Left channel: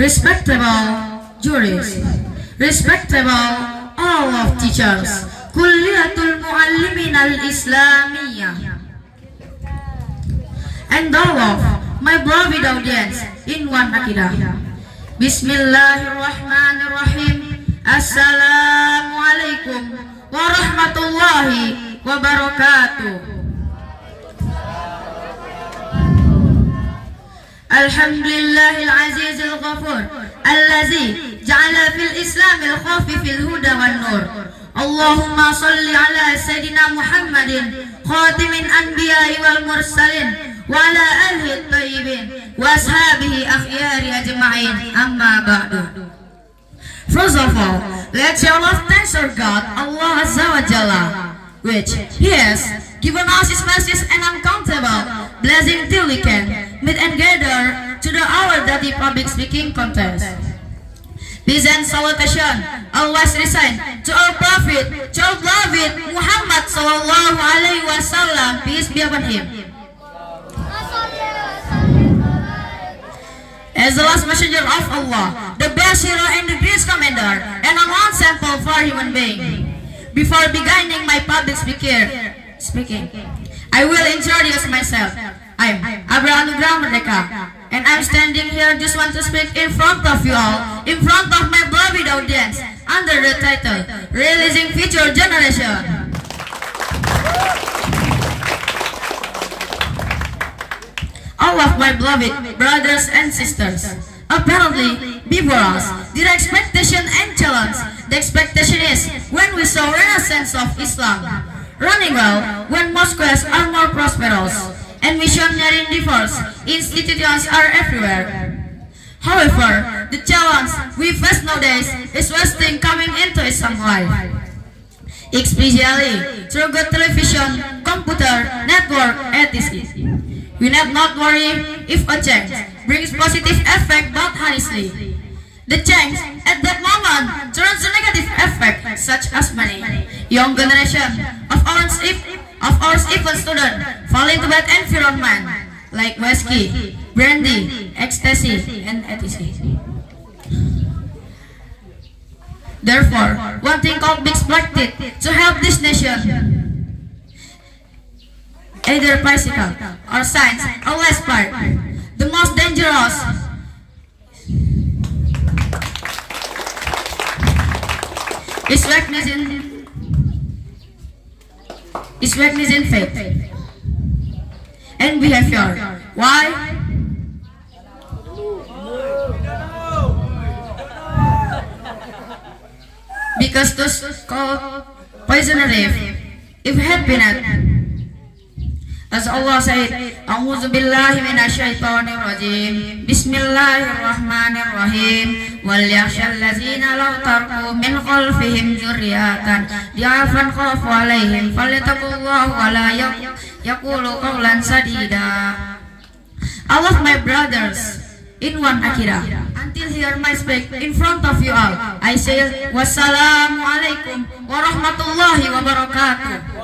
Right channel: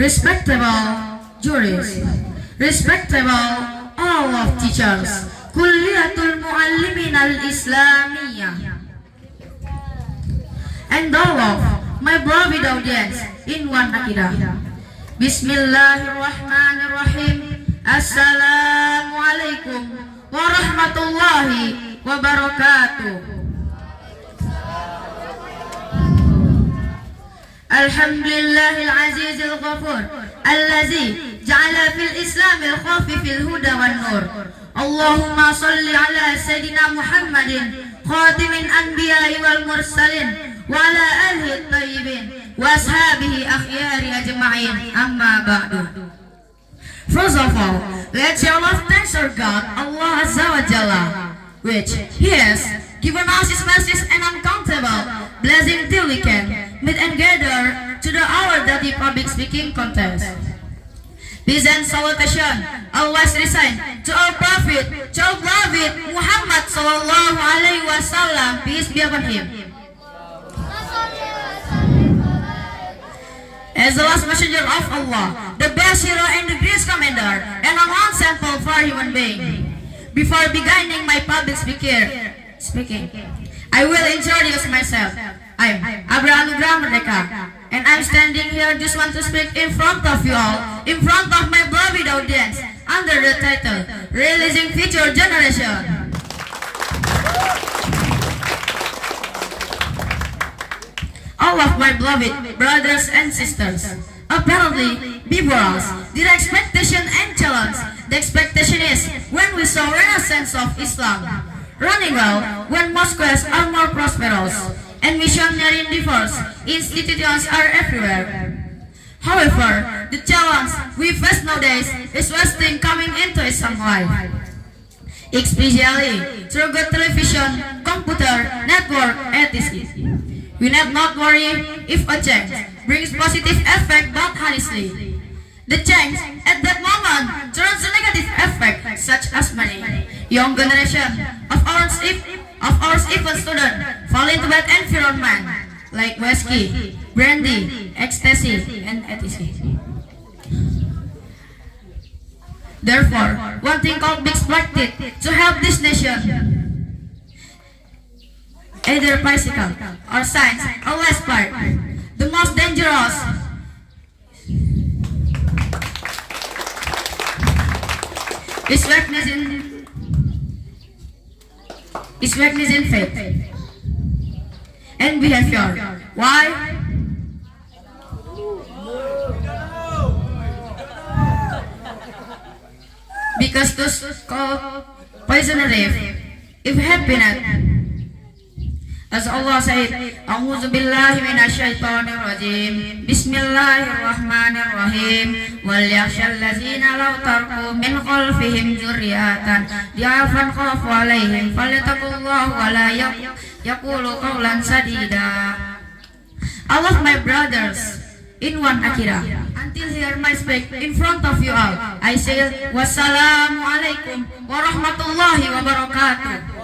respectable jurists, respectable all of teachers, Kulliyatul Muallimin al-Islamiyah, and all of my beloved audience in one akidah. Bismillahirrahmanirrahim. Assalamualaikum warahmatullahi wabarakatuh. Alhamdulillahil azizil ghafur allazi ja'ala fil islamil khafifil huda wan nur. Allahumma salli ala sayyidina Muhammadin khatimin anbiya'i wal mursalin wa ala alihi at-tayyibin wa ashabihi akhyari ajma'in, amma ba'du. First of all, let's show love thanks to God, Allah Azza wa Jalla, which He has given us His mercies and uncountable blessing till we can meet and gather to the our daily public speaking contest. Peace and salutation always resign to our Prophet, child beloved Muhammad sallallahu alaihi wasallam, peace be upon him. As the last messenger of Allah, the best hero and the greatest commander, and an example for human being. Before beginning my public speaking, I will introduce myself. I'm Abraham Merdeka, and I'm standing here just want to speak in front of you all, in front of my beloved audience, under the title, Releasing Future Generation. All of my beloved brothers and sisters, apparently before us, their expectation and challenge. The expectation is when we saw renaissance of Islam, running well when mosques are more prosperous, and missionary endeavors, institutions are everywhere. However, the challenge we face nowadays is Western coming into Islam life, especially through good television, computer, network, etc. We need not worry if a change brings positive effect, but honestly, the change at that moment turns a negative effect, such as money. Young generation of our even students fall into bad environment like whiskey, brandy, ecstasy, and etc. Therefore, one thing called be expected to help this nation, either physical or science or less part. The most dangerous is weakness in faith and behavior. Why? Because those called poison relief, if had been at, as Allah said, A'udzu billahi minasyaitonir rajim. Bismillahirrahmanirrahim. Wal yakhshal ladzina law tarku min khalfihim dzurriyyatan dha'afan khafu 'alaihim falyattaqullaha wa la yaqulu qawlan sadida. All of my brothers in one akira, until here my speak in front of you all, I say wassalamu alaikum warahmatullahi wabarakatuh.